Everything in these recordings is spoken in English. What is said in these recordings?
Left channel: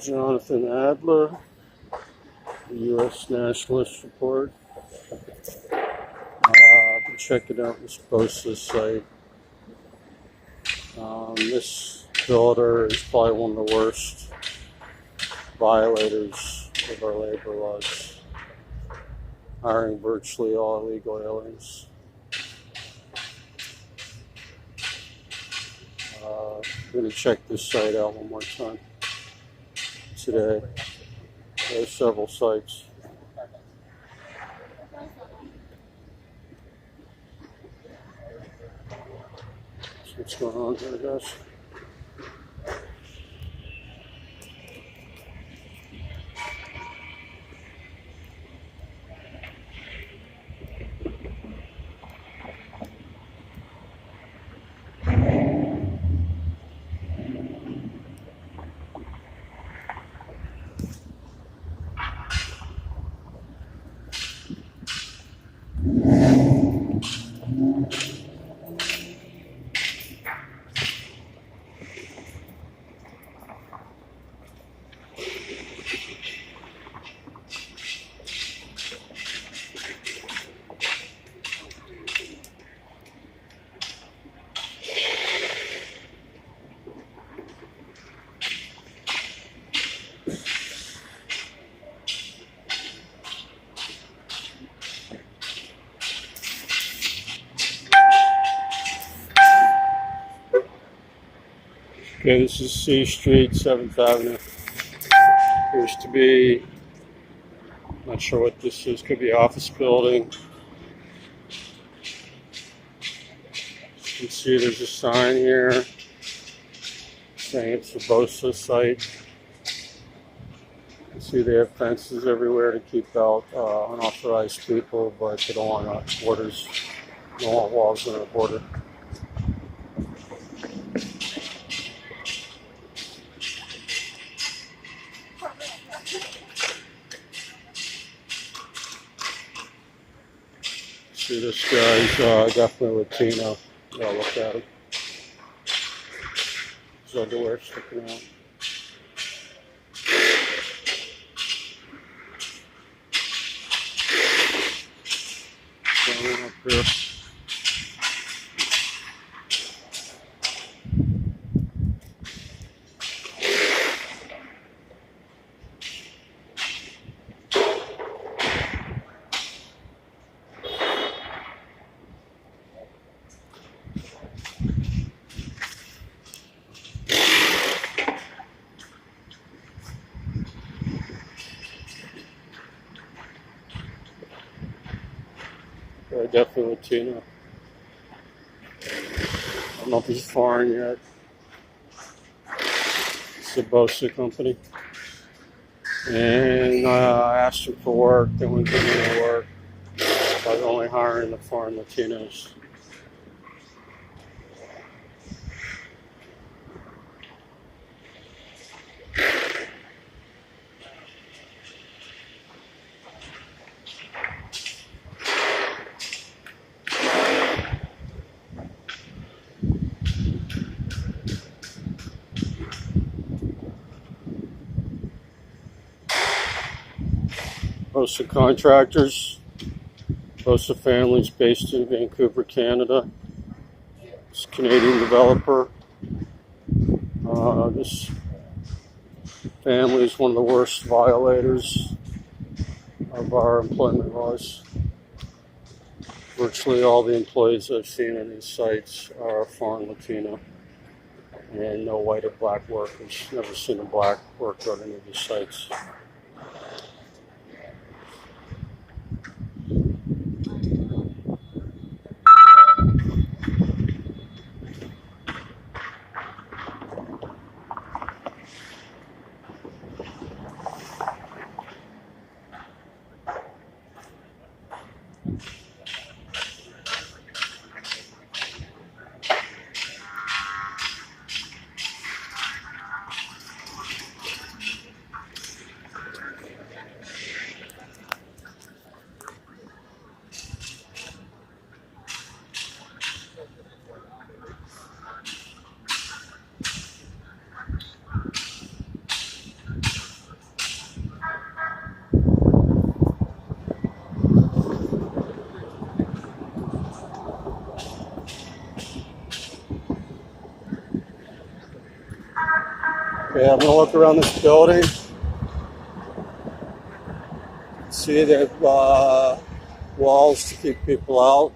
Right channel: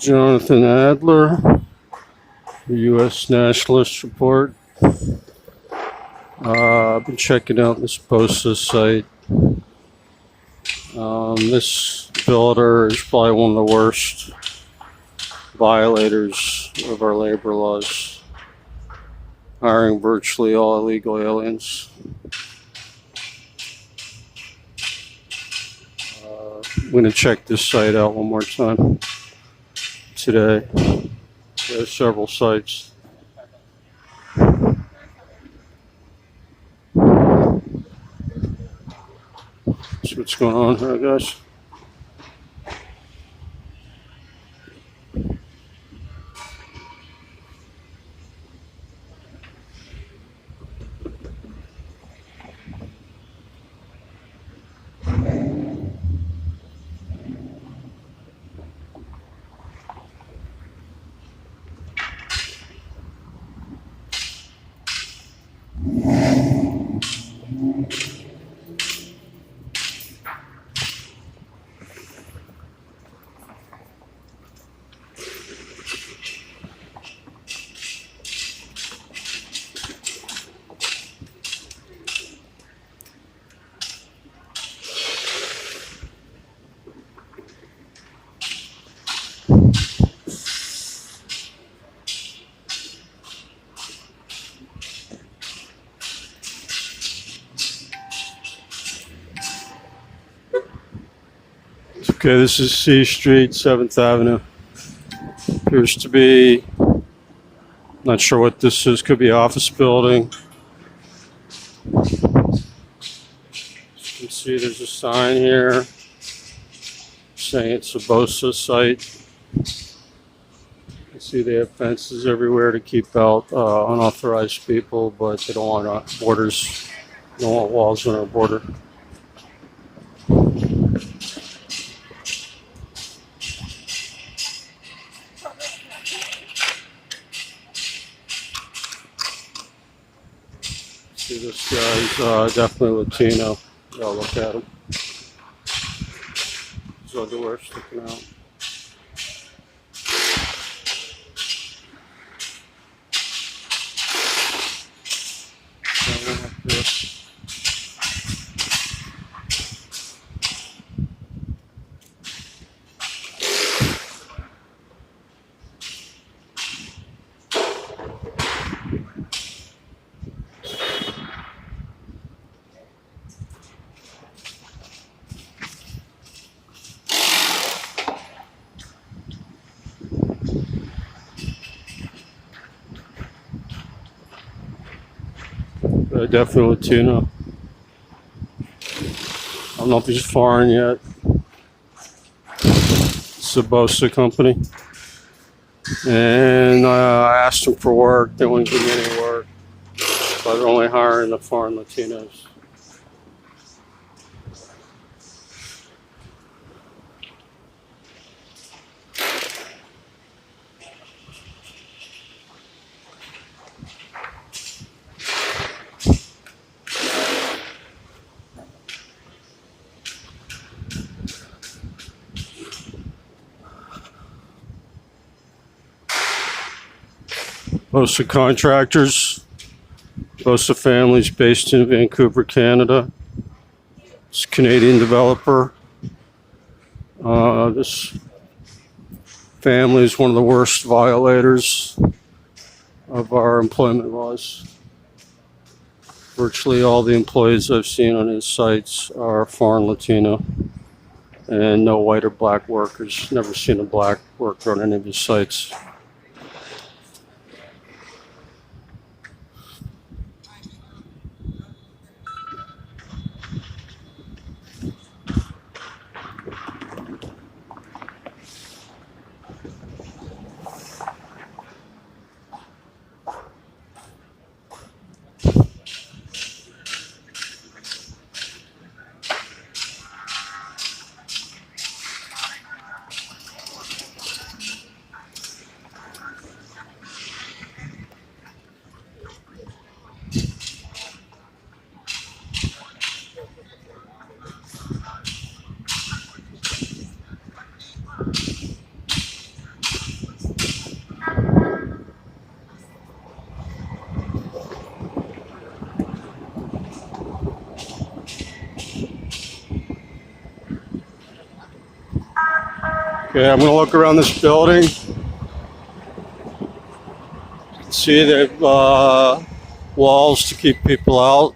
Jonathan Adler, the U.S. Nationalist Report. I've been checking out this Bosa site. This builder is probably one of the worst violators of our labor laws, hiring virtually all illegal aliens. I'm going to check this site out one more time today. There's several sites. See what's going on here, guys. Okay, this is C Street, 7th Avenue. Appears to be, not sure what this is, could be an office building. As you can see, there's a sign here saying it's a Bosa site. You see they have fences everywhere to keep out unauthorized people, but they don't want borders, they don't want walls on our border. See, this guy's definitely Latino. Yeah, look at him. His underwear sticking out. One up here. Definitely Latino. I don't know if he's foreign yet. It's a Bosa company. And I asked them for work. They wouldn't give me any work. So they're only hiring the foreign Latinos. Bosa Contractors, Bosa Families based in Vancouver, Canada. It's a Canadian developer. This family is one of the worst violators of our employment laws. Virtually all the employees I've seen on his sites are foreign Latino and no white or black workers. Never seen a black worker on any of his sites. Okay, I'm gonna look around this building. See, they have walls to keep people out.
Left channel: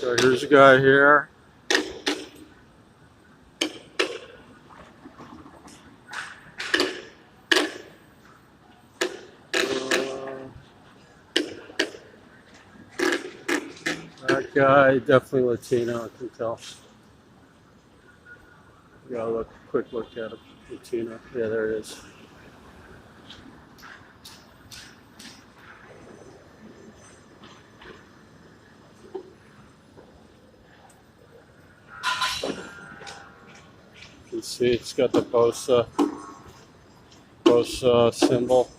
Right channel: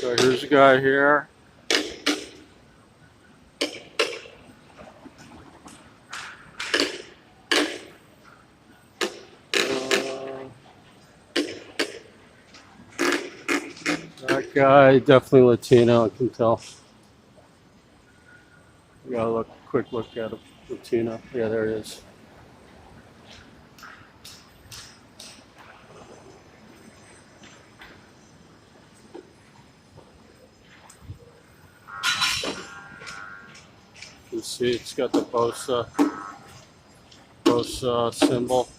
So here's a guy here. That guy, definitely Latino, I can tell. Got a quick look at him. Latino. Yeah, there he is. You can see it's got the Bosa symbol.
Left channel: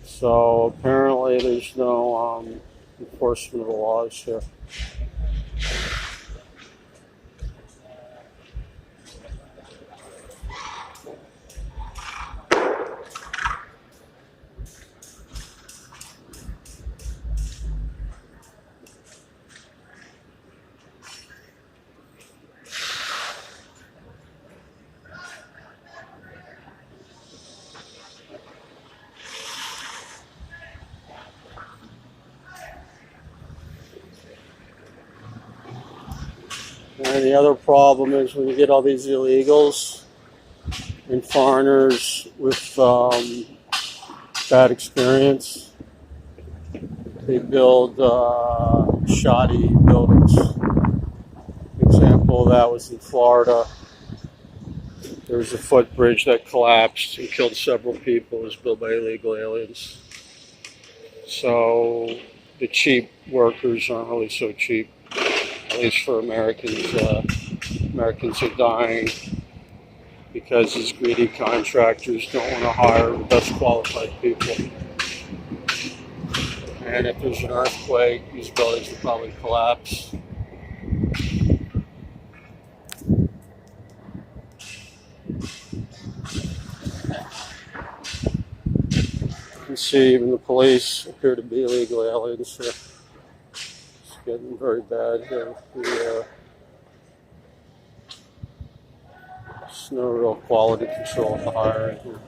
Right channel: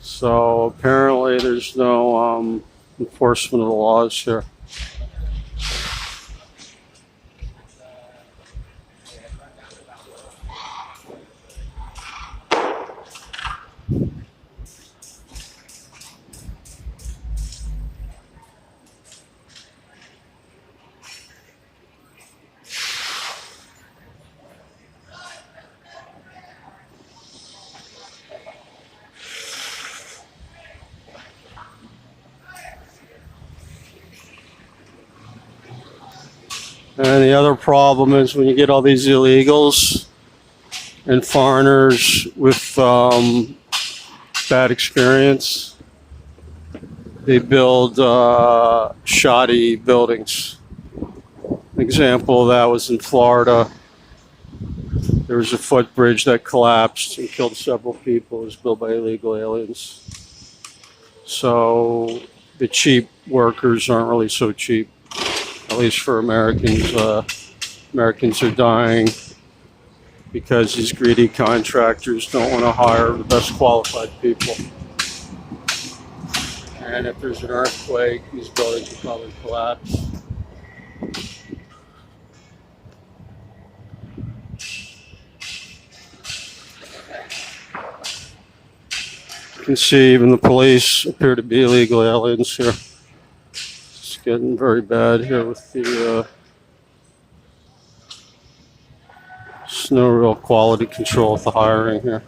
So apparently there's no enforcement of the laws here. And the other problem is when you get all these illegals and foreigners with bad experience, they build shoddy buildings. An example of that was in Florida. There was a footbridge that collapsed and killed several people. It was built by illegal aliens. So the cheap workers aren't really so cheap, at least for Americans. Americans are dying because these greedy contractors don't want to hire the best qualified people. And if there's an earthquake, these buildings will probably collapse. You can see even the police appear to be illegal aliens here. It's getting very bad here with the there's no real quality control with the hiring here.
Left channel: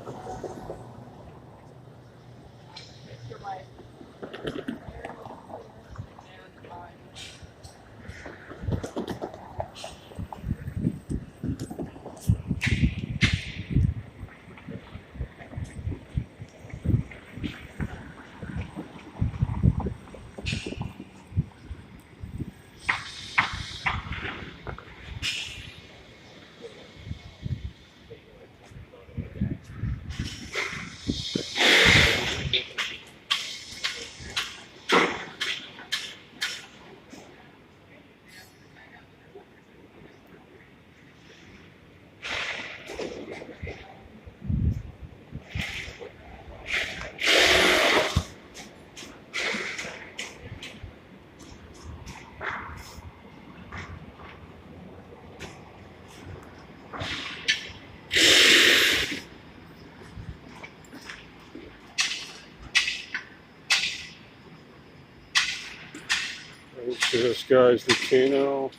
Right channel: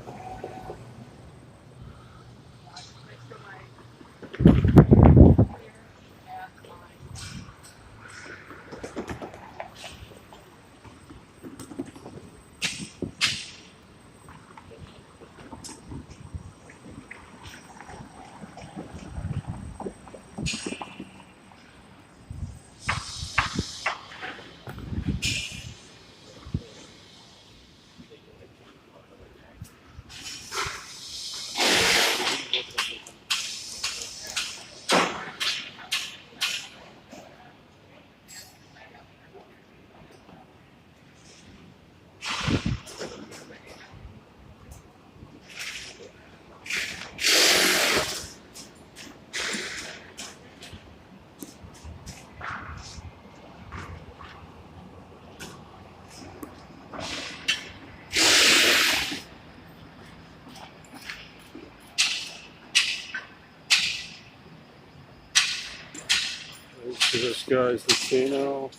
So this guy's Latino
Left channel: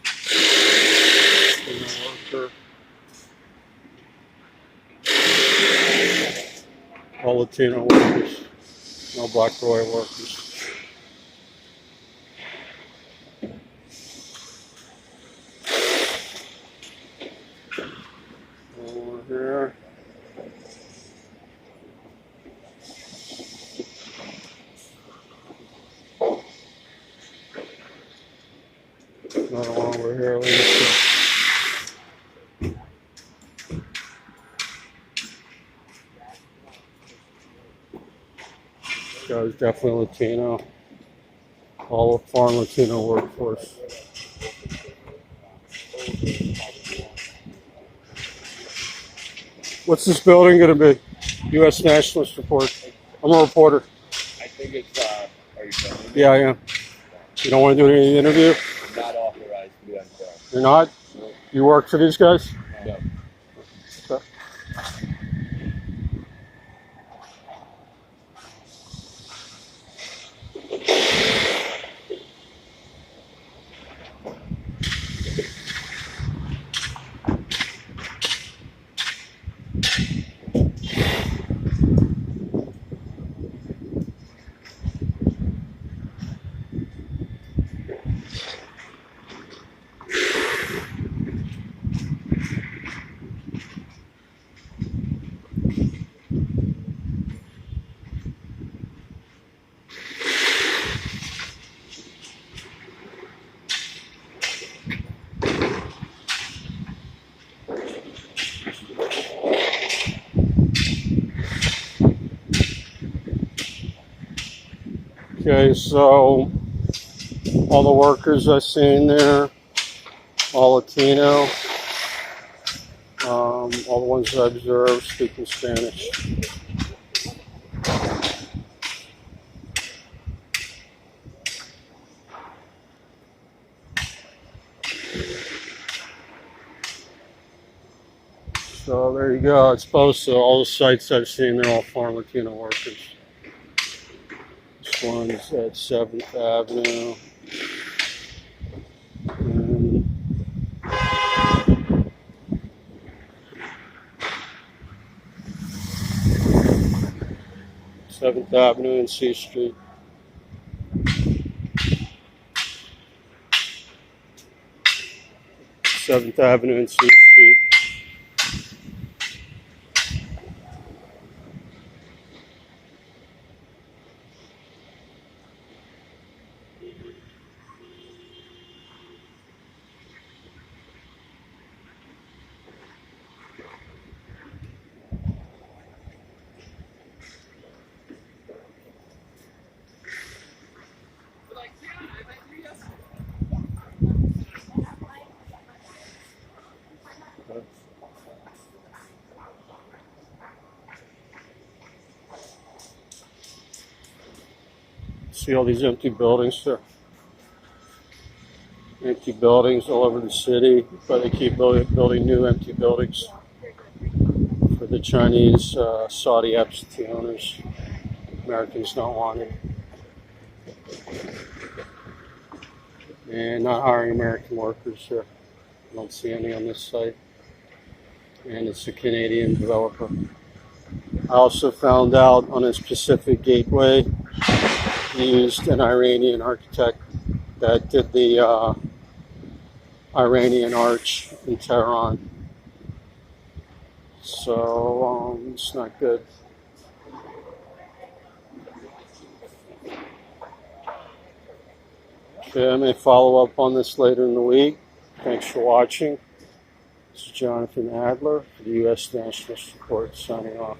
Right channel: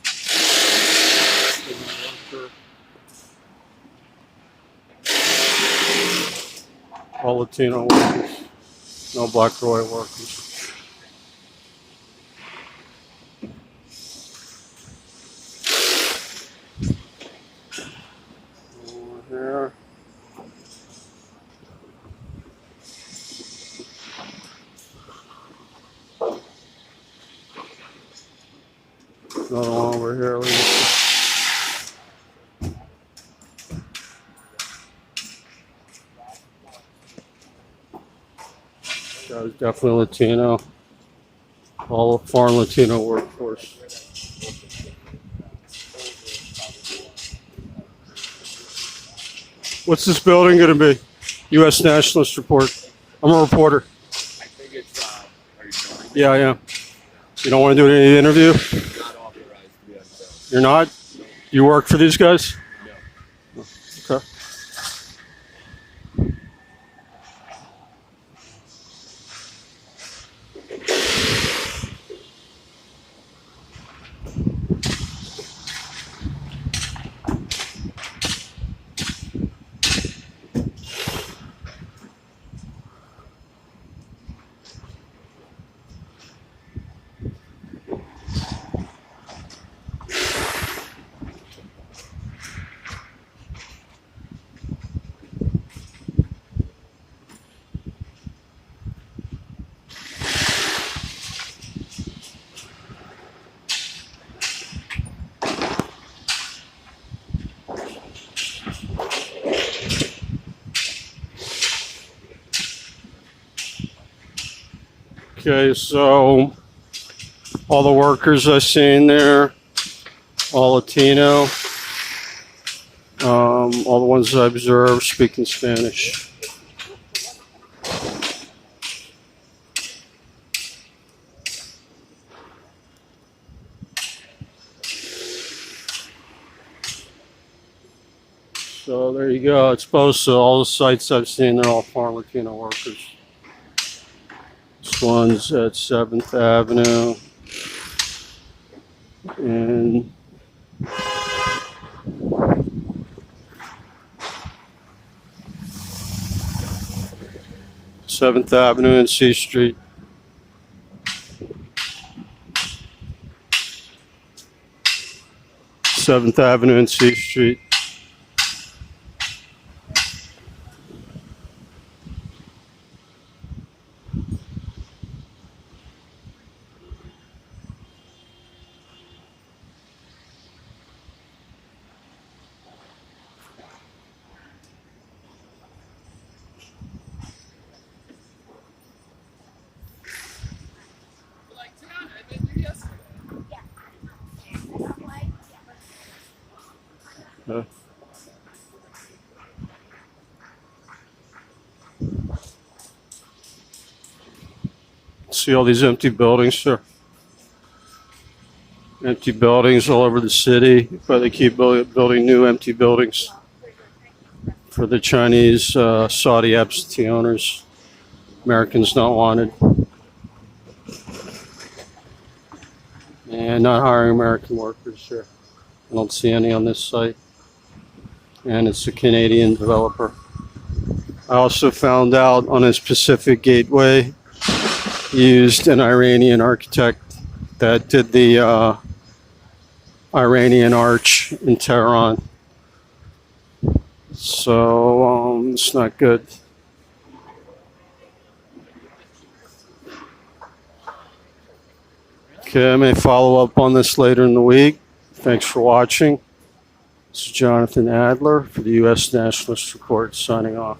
worker. All Latino workers, no black or white workers. Over here. Another one over here. Guy's definitely Latino. All foreign Latino workforce. What's this building going to be? U.S. Nationalist Report. I'm a reporter. I think it's, are you filming? Yeah, I am. You don't want to do any interview? Not authorized to be on film. You're not? You work for these guys? No. Okay. Okay, so all the workers I seen there, all Latino. All the ones I observed speaking Spanish. So there you go. It's Bosa. All the sites I've seen, they're all farm Latino workers. This one's at 7th Avenue. And Seventh Avenue and C Street. Seventh Avenue and C Street. See all these empty buildings, sir? Empty buildings all over the city, but they keep building new empty buildings for the Chinese Saudi absentee owners. Americans not wanted. And not hiring American workers here. I don't see any on this site. And it's a Canadian developer. I also found out on his Pacific Gateway, used an Iranian architect that did the Iranian Arch in Tehran. So it's not good. Okay, I may follow up on this later in the week. Thanks for watching. This is Jonathan Adler for the U.S. Nationalist Report signing off.